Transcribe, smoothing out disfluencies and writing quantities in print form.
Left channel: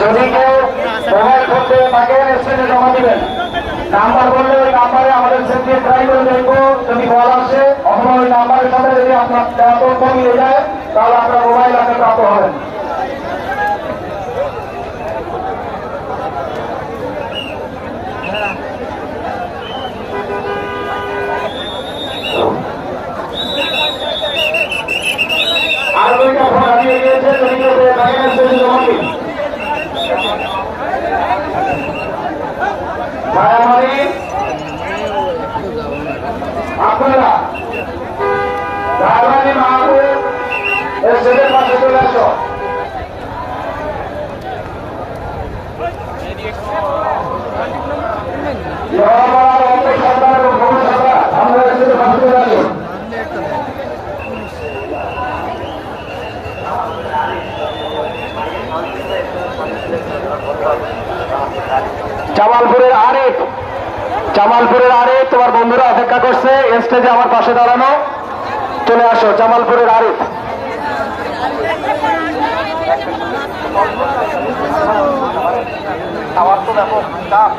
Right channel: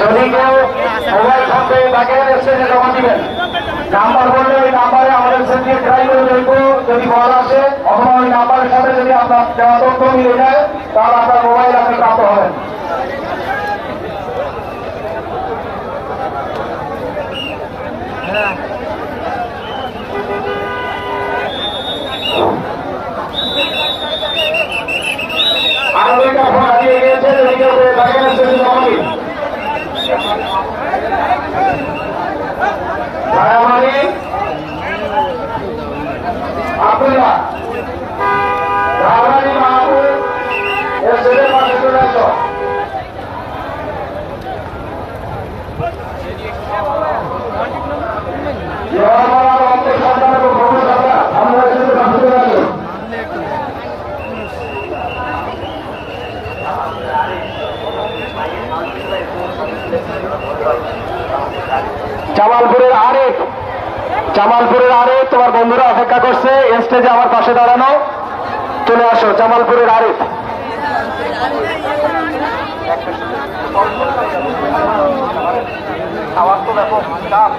যদি কেউ মোবাইল ফোনতে তাকে স্টেজে জমা দিবেন, নাম্বার বললে ওই নাম্বারে আমাদের সেন্টারে ট্রাই করে দেখবো। যদি কল আসে অথবা ওই নাম্বারের সাথে যদি আপনার দেওয়া তথ্য মিলে যায় তাহলে আপনার মোবাইল আপনি প্রাপ্ত হবেন। আরো দুইটা ফোন হারিয়ে গিয়েছে, যদি কেউ তাকে স্টেজে জমা দিন। আপনারা ধারবাড়ি মাহবুব স্টেজের পাশে চলে আসো। জামালপুরের আরিফ তোমার বন্ধুরা অপেক্ষা করছে স্টেজে আমার পাশে দাঁড়ানো। চলে আসো জামালপুরের আরিফ। আমার তো ব্যাপক চাপ।